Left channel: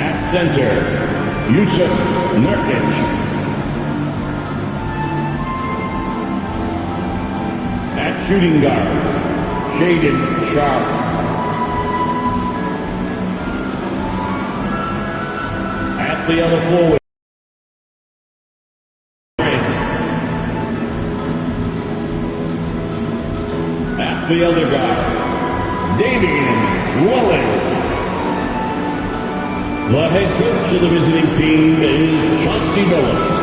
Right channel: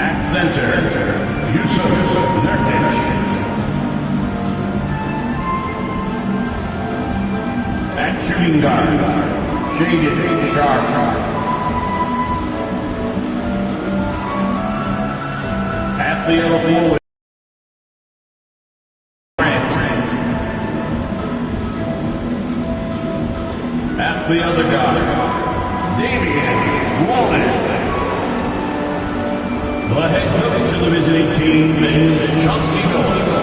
At center, Yusuf Nurkic. At shooting guard, Shaedon Sharpe. At the other forward, Grant. At the other guard, Damian Lillard. The head coach of the visiting team is Chauncey Billups.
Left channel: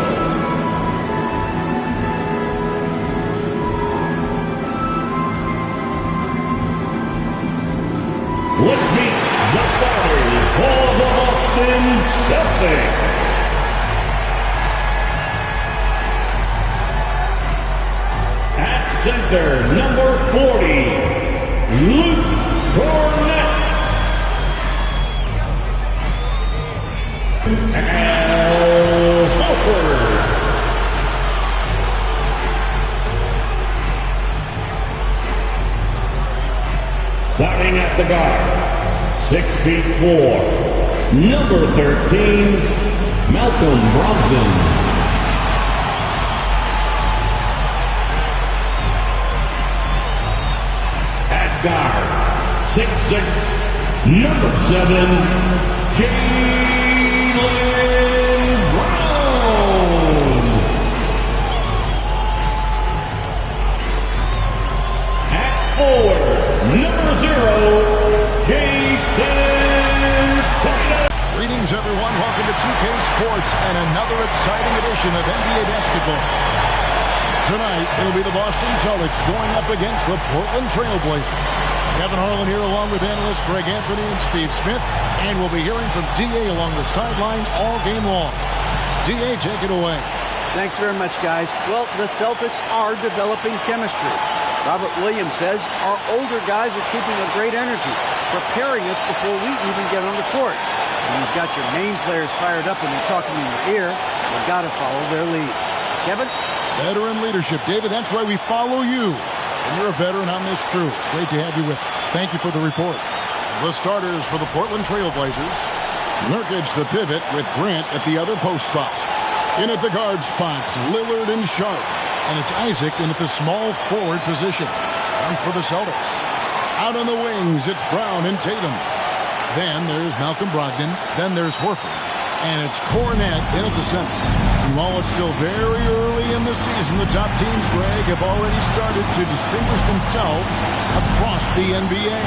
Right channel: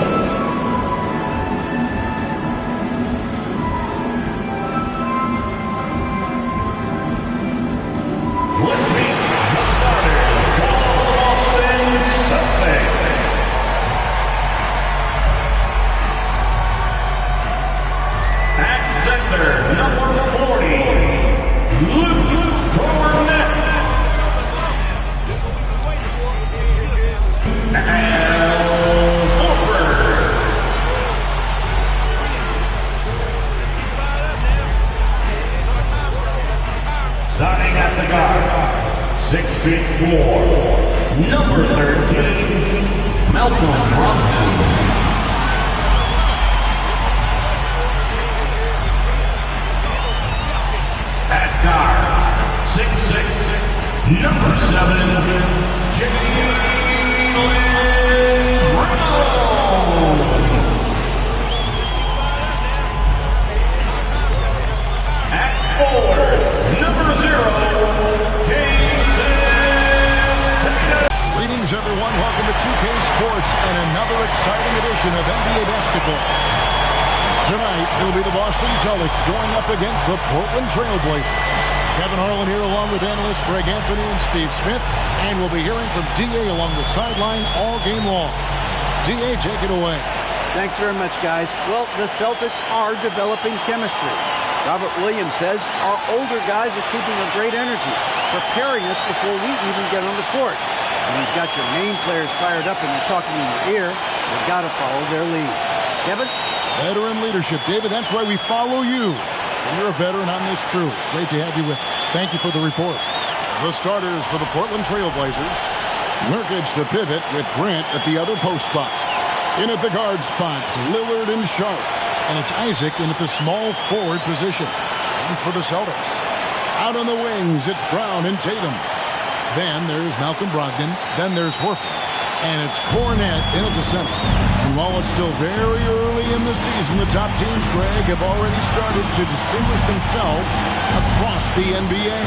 Let's meet the starters for the Boston Celtics. At center, number 40, Luke Kornet. And Horford. Starting at the guard, 6'4", number 13, Malcolm Brogdon. At guard, 6'6", number 7, Jaylen Brown. At forward, number 0, Jason Tatum. Greetings, everyone. Welcome to 2K Sports and another exciting edition of NBA basketball. Tonight, it'll be the Boston Celtics going up against the Portland Trail Blazers. Kevin Harlan here along with analysts Greg Anthony and Steve Smith. And we'll be hearing from D.A. along the sideline all game long. D.A., take it away. Thanks very much, guys. Well, the Celtics are developing chemistry. Robert Williams says our older guys are keeping a great energy, preparing us before we even get on the court. When you've got your main players fired up and they're talking in your ear, you've got to follow their lead. Kevin? Veteran leadership. David, that's why we follow you. And you're a veteran on this crew. Great to have you with us. Thank you for the report. The starters for the Portland Trail Blazers. Nurkic, the pivot, with Grant at the other post spot. In at the guard spots, Lillard and Sharpe. And it's Isaac in at the small forward position. And for the Celtics. Out on the wings, it's Brown and Tatum. Then there's Malcolm Brogdon. Then there's Horford. And it's Kornet in at the center. And while it's still very early in the season, the top teams, Greg, have already started to distinguish themselves across the NBA.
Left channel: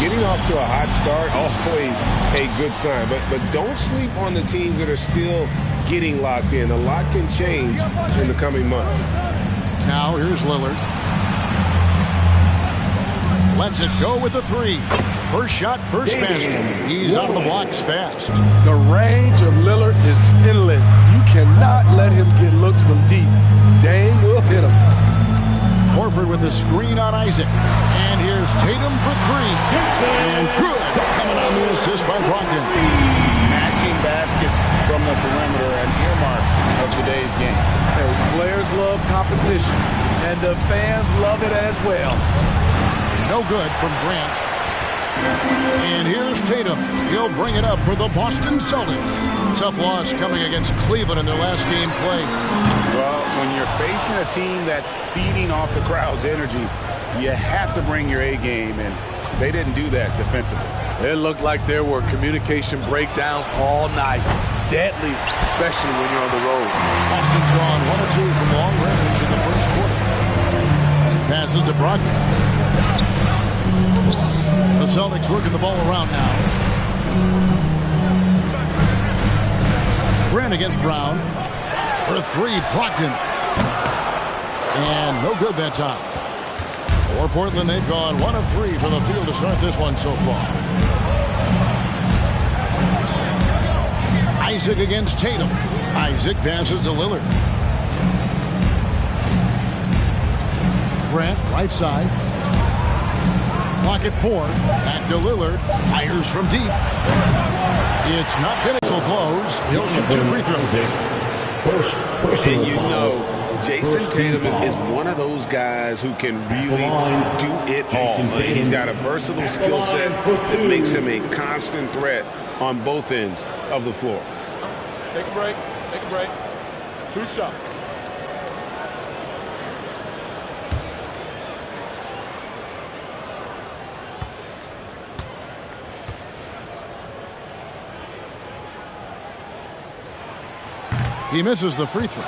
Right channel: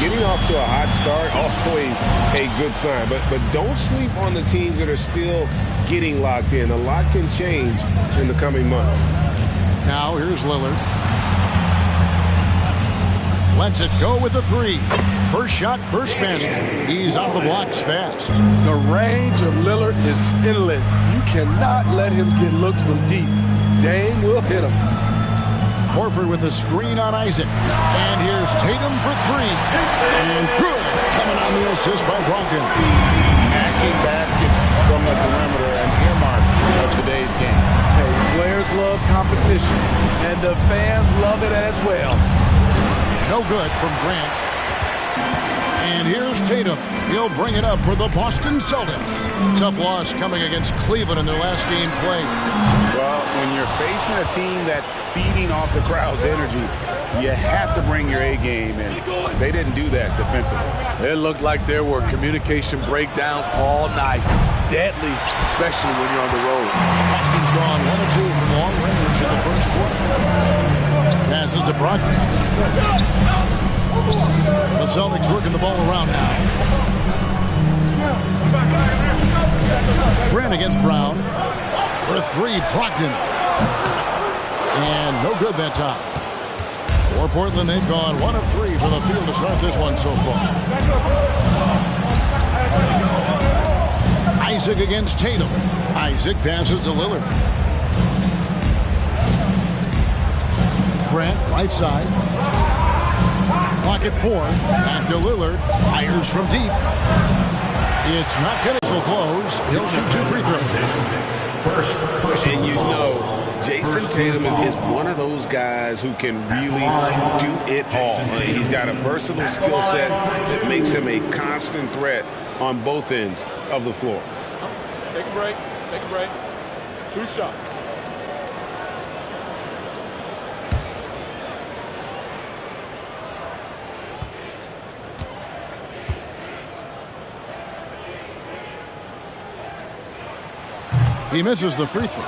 Getting off to a hot start, always a good sign. But don't sleep on the teams that are still getting locked in. A lot can change in the coming months. Now here's Lillard. Lets it go with a three. First shot, first basket. He's out of the blocks fast. The range of Lillard is endless. You cannot let him get looks from deep. Dame will hit him. Horford with a screen on Isaac. And here's Tatum for three. And good. Coming on the assist by Brogdon. Matching baskets from the perimeter, an earmark of today's game. Hey, players love competition, and the fans love it as well. No good from Grant. And here's Tatum. He'll bring it up for the Boston Celtics. Tough loss coming against Cleveland in their last game played. Well, when you're facing a team that's feeding off the crowd's energy, you have to bring your A game, and they didn't do that defensively. It looked like there were communication breakdowns all night. Deadly, especially when you're on the road. Boston's gone 1 of 2 from long range in the first quarter. Passes to Brogdon. The Celtics working the ball around now. Grant against Brown. For three, Brogdon. And no good that time. For Portland, they've gone 1 of 3 from the field to start this one so far. Isaac against Tatum. Isaac passes to Lillard. Grant, right side. Clock at 4. Back to Lillard. Fires from deep. It's not going to close. He'll shoot 2 free throws. And you know, Jason Tatum is one of those guys who can really do it all. He's got a versatile skill set that makes him a constant threat on both ends of the floor. Take a break. Take a break. 2 shots. He misses the free throw.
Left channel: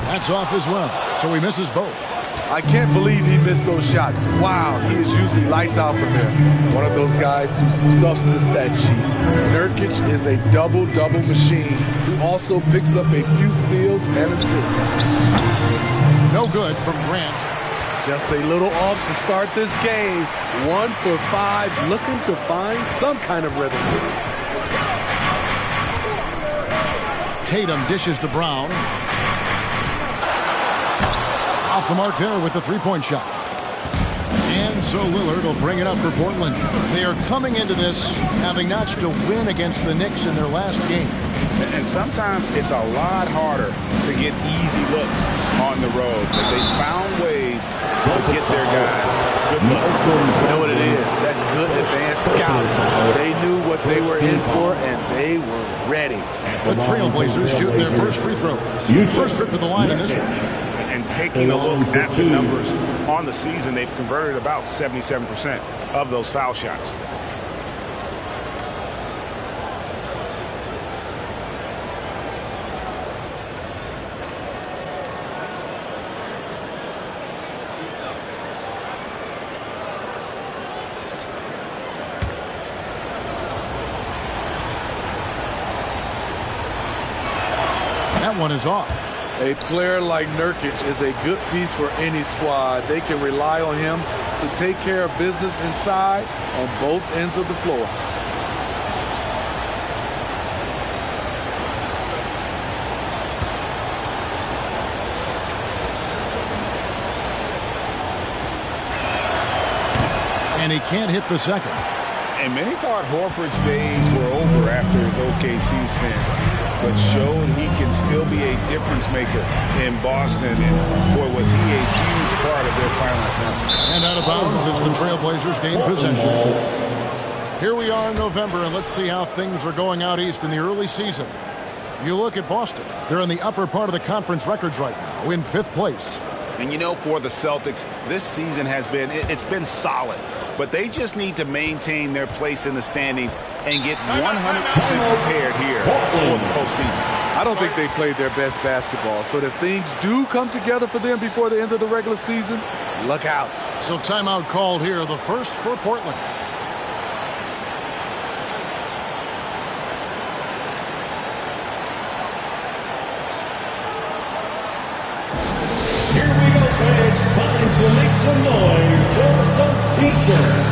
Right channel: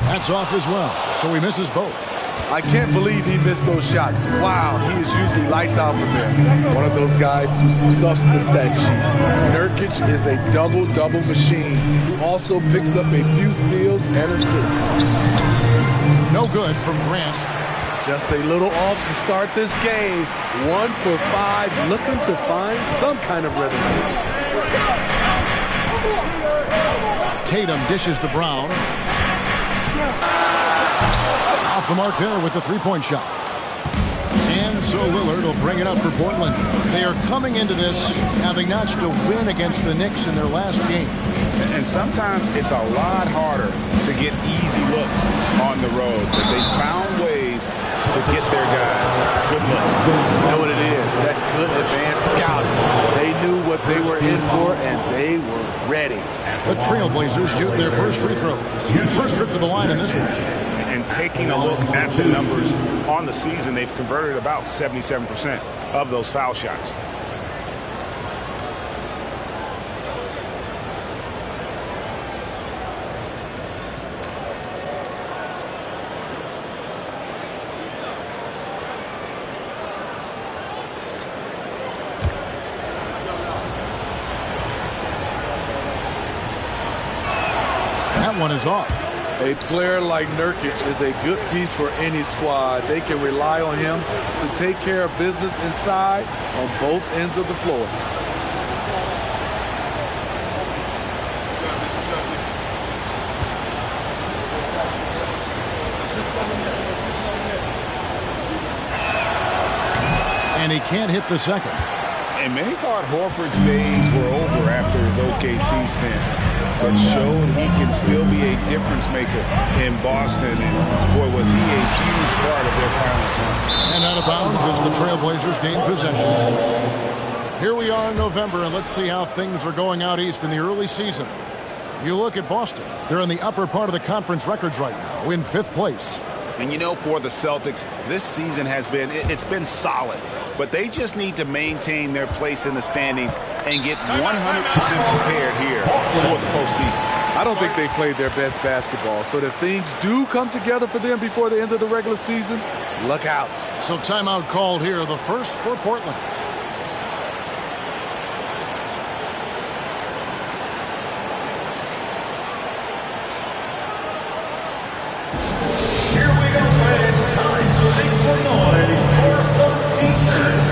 That's off as well, so he misses both. I can't believe he missed those shots. Wow, he is usually lights out from there. One of those guys who stuffs the stat sheet. Nurkic is a double-double machine who also picks up a few steals and assists. No good from Grant. Just a little off to start this game. 1 for 5, looking to find some kind of rhythm. Tatum dishes to Brown. Off the mark there with the three-point shot. And so Lillard will bring it up for Portland. They are coming into this having notched a win against the Knicks in their last game. And sometimes it's a lot harder to get easy looks on the road, but they found ways to get their guys good looks. You know what it is? That's good advanced scouting. They knew what they were in for, and they were ready. The Trailblazers shoot their first free throw. First trip to the line in this one. And taking a look at the numbers on the season, they've converted about 77% of those foul shots. That one is off. A player like Nurkic is a good piece for any squad. They can rely on him to take care of business inside on both ends of the floor. And he can't hit the second. And many thought Horford's days were over after his OKC stint, but showed he can still be a difference maker in Boston. And boy, was he a huge part of their finals run. And out of bounds as the Trailblazers gain possession. Here we are in November, and let's see how things are going out east in the early season. You look at Boston. They're in the upper part of the conference records right now, in 5th place. And you know, for the Celtics, this season has been solid. But they just need to maintain their place in the standings and get 100% prepared here for the postseason. I don't think they played their best basketball. So if things do come together for them before the end of the regular season, look out. So timeout called here, the first for Portland. Here we go, fans. Time to make some noise for some teachers.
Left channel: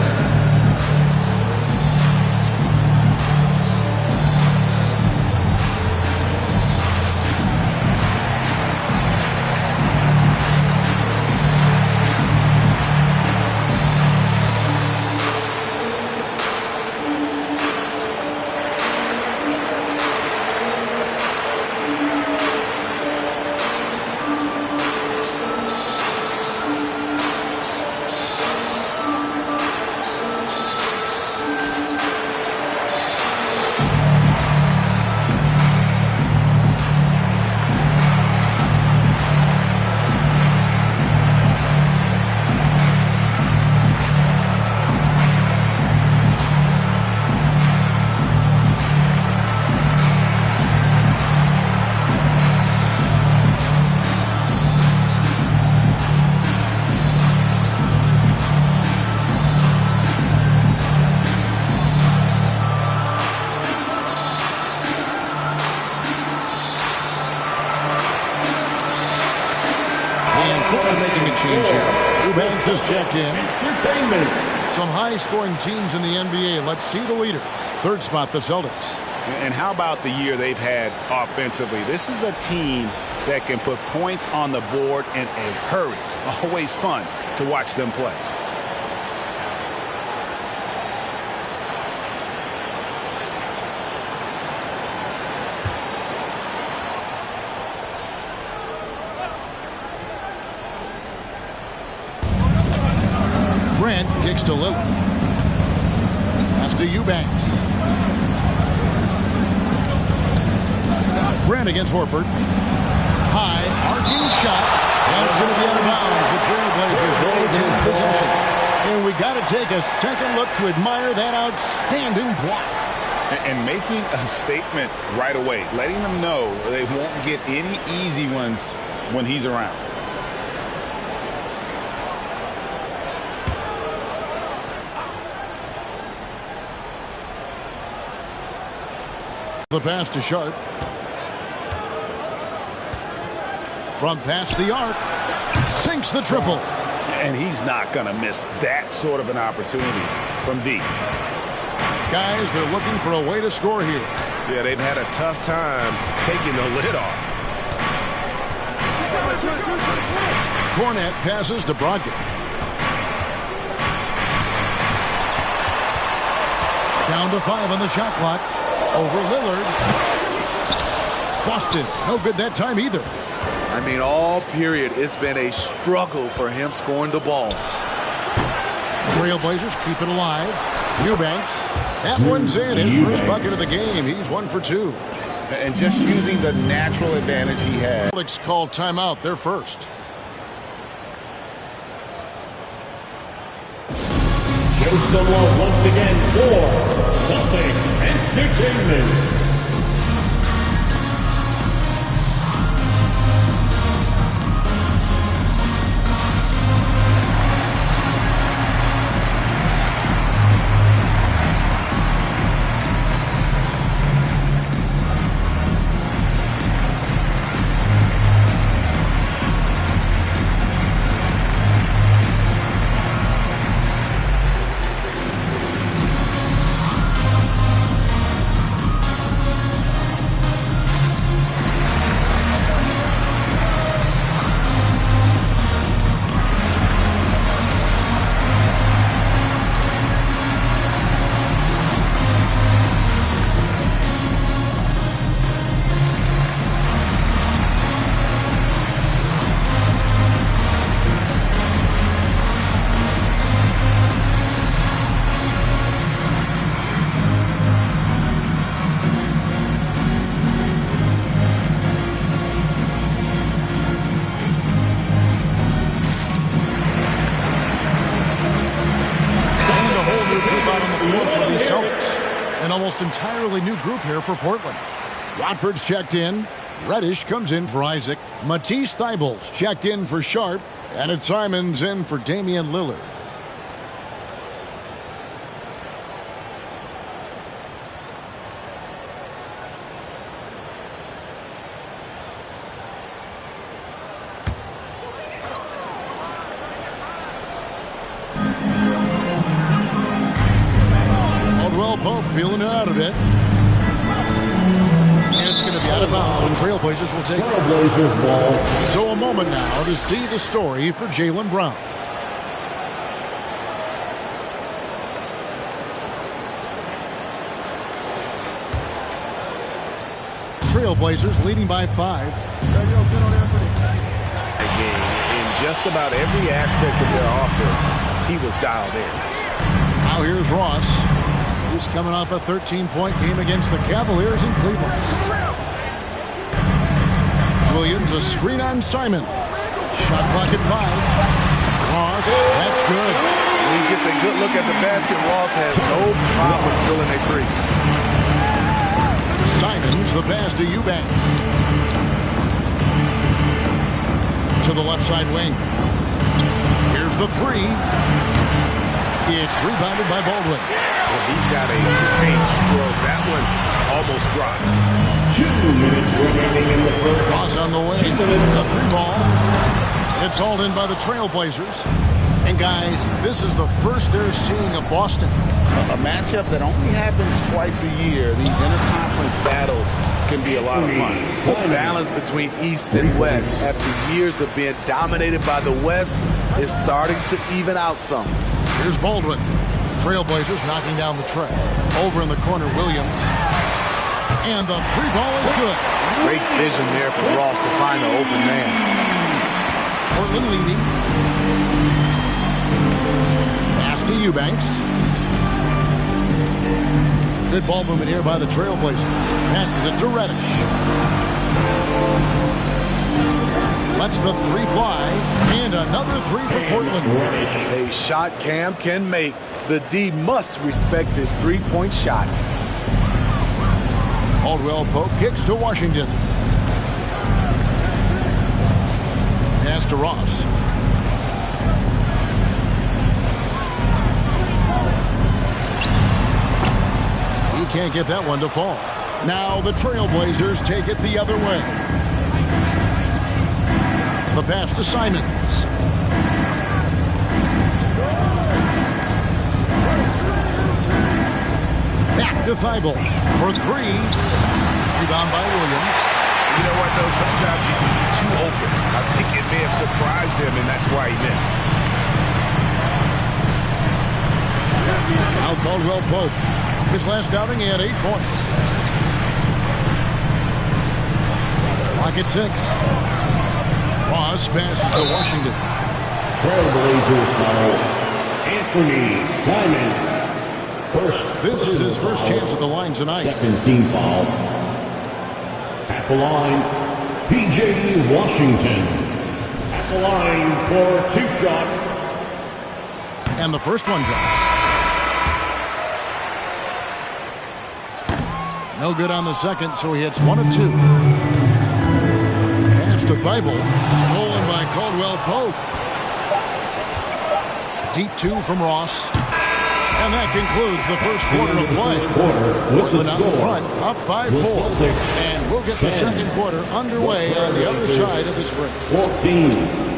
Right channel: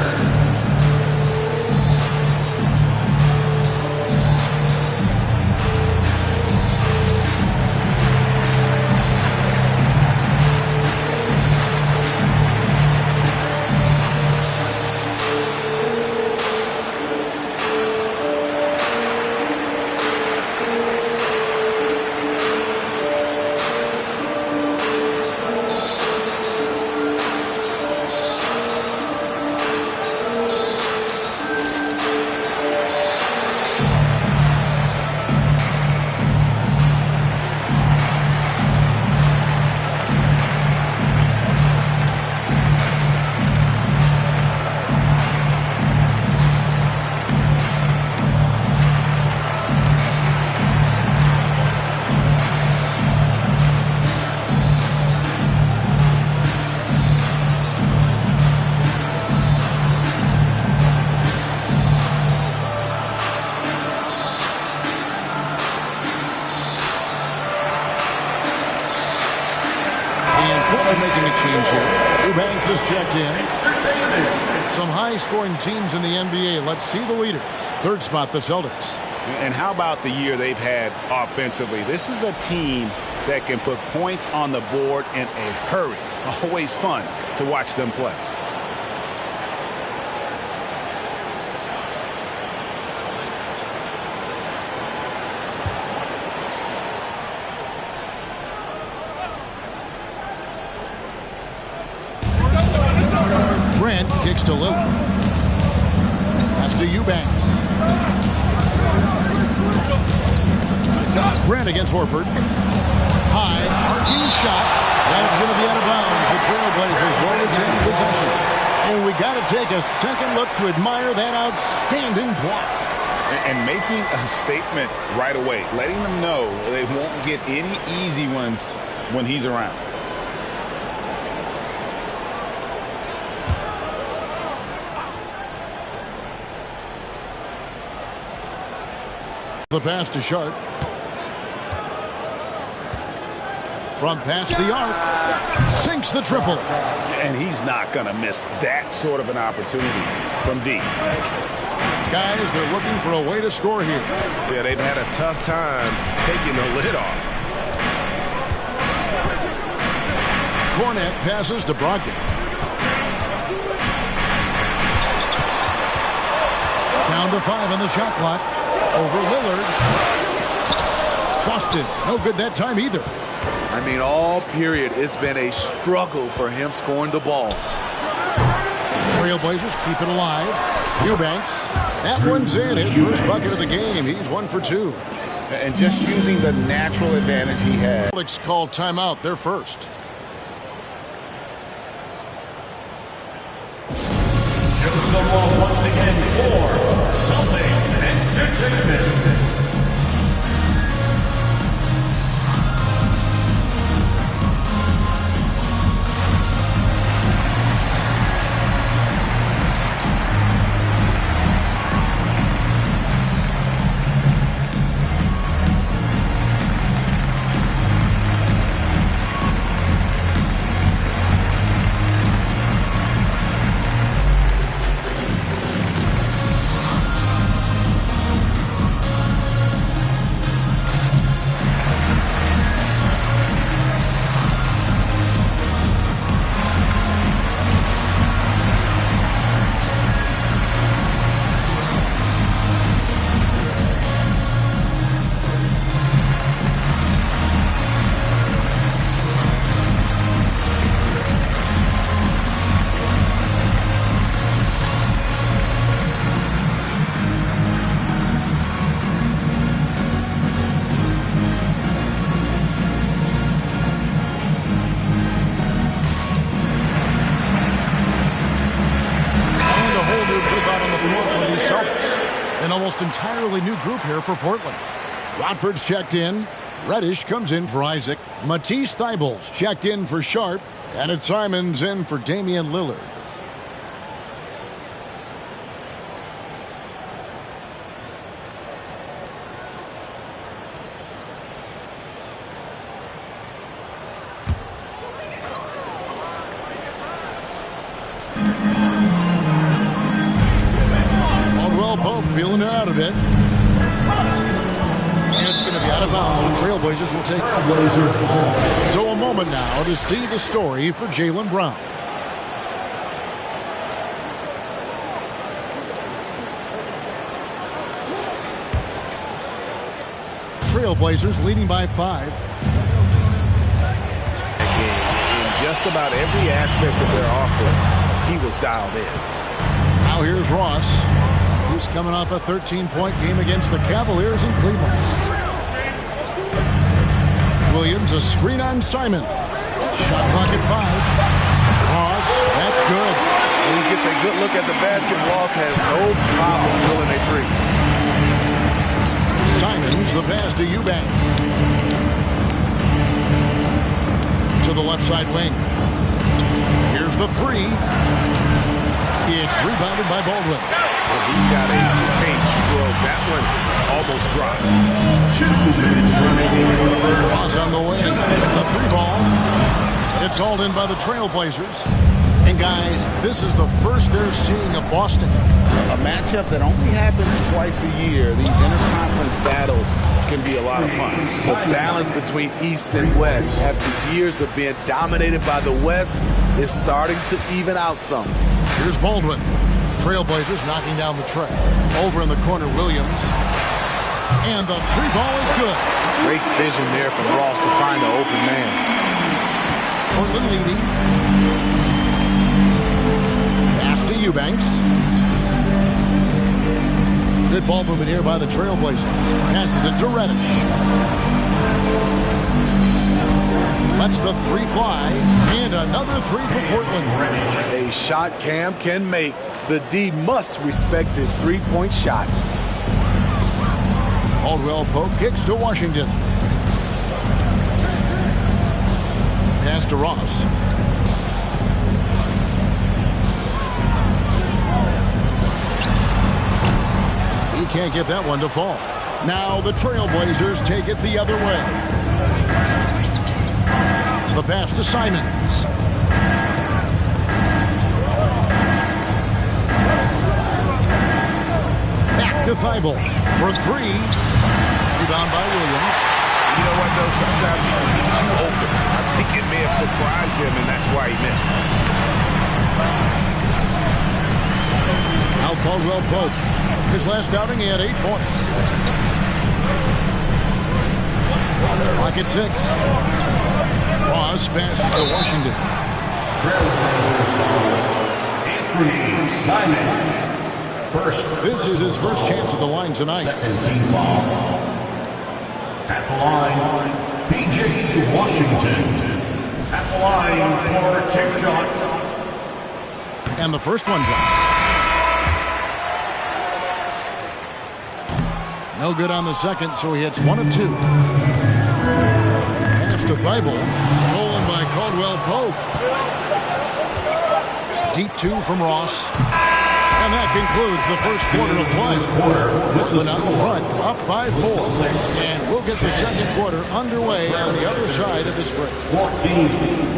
Portland making a change here. Eubanks has checked in. Some high-scoring teams in the NBA. Let's see the leaders. Third spot, the Celtics. And how about the year they've had offensively? This is a team that can put points on the board in a hurry. Always fun to watch them play. Grant kicks to Lillard. Pass to Eubanks. Grant against Horford. High, arcing shot. And it's going to be out of bounds. The Trailblazers will retain possession. And we got to take a second look to admire that outstanding block. And making a statement right away, letting them know they won't get any easy ones when he's around. The pass to Sharp. From past the arc. Sinks the triple. And he's not going to miss that sort of an opportunity from deep. Guys, they're looking for a way to score here. Yeah, they've had a tough time taking the lid off. Cornette passes to Brogdon. Down to 5 on the shot clock. Over Lillard. Boston, no good that time either. I mean, all period, it's been a struggle for him scoring the ball. Trailblazers keep it alive. Eubanks. That one's in. His first bucket of the game. He's 1 for 2. And just using the natural advantage he had. Alex called timeout. They're first. Here's someone once again for Celtic Entertainment. An almost entirely new group here for Portland. Watford's checked in. Reddish comes in for Isaac. Matisse Thybulle's checked in for Sharp. And it's Simons in for Damian Lillard. Pope feeling it out a bit. And it's going to be out of bounds. The Trailblazers will take Trailblazers ball. So a moment now to see the story for Jaylen Brown. Trailblazers leading by 5. In just about every aspect of their offense, he was dialed in. Now here's Ross. He's coming off a 13-point game against the Cavaliers in Cleveland. Williams, a screen on Simon. Shot clock at 5. Ross, that's good. When he gets a good look at the basket, Ross has no problem drilling a 3. Simons, the pass to Eubanks. To the left side wing. Here's the 3. It's rebounded by Baldwin. Well, he's got a great stroke. That one almost dropped. 2 minutes remaining in the first. Ross on the wing. The 3 ball. It's hauled in by the Trailblazers. And guys, this is the first they're seeing of Boston. A matchup that only happens twice a year. These interconference battles can be a lot of fun. The balance between East and West after years of being dominated by the West is starting to even out some. Here's Baldwin. Trailblazers knocking down the tray. Over in the corner, Williams. And the three ball is good. Great vision there from Ross to find the open man. Portland leading. Pass to Eubanks. Good ball movement here by the Trailblazers. Passes it to Reddish. Lets the three fly. And another three for Portland. A shot Cam can make. The D must respect his three-point shot. Caldwell Pope kicks to Washington. Pass to Ross. He can't get that one to fall. Now the Trailblazers take it the other way. The pass to Simons. Back to Thibault for three. Rebound by Williams. You know what, though? Sometimes you can be too open. I think it may have surprised him, and that's why he missed. Now Caldwell Pope. His last outing, he had 8 points. Clock at 6. Ross passes to Washington. Trailblazers foul. Anthony Simons. First. This is his first chance at the line tonight. Second team foul. At the line, P.J. Washington. At the line for 2 shots. And the first one drops. No good on the second, so he hits 1 of 2. Pass to Thibault. Stolen by Caldwell Pope. Deep 2 from Ross. And that concludes the first quarter of play. Portland out in front, up by 4. And we'll get the second quarter underway on the other side of this break. 14.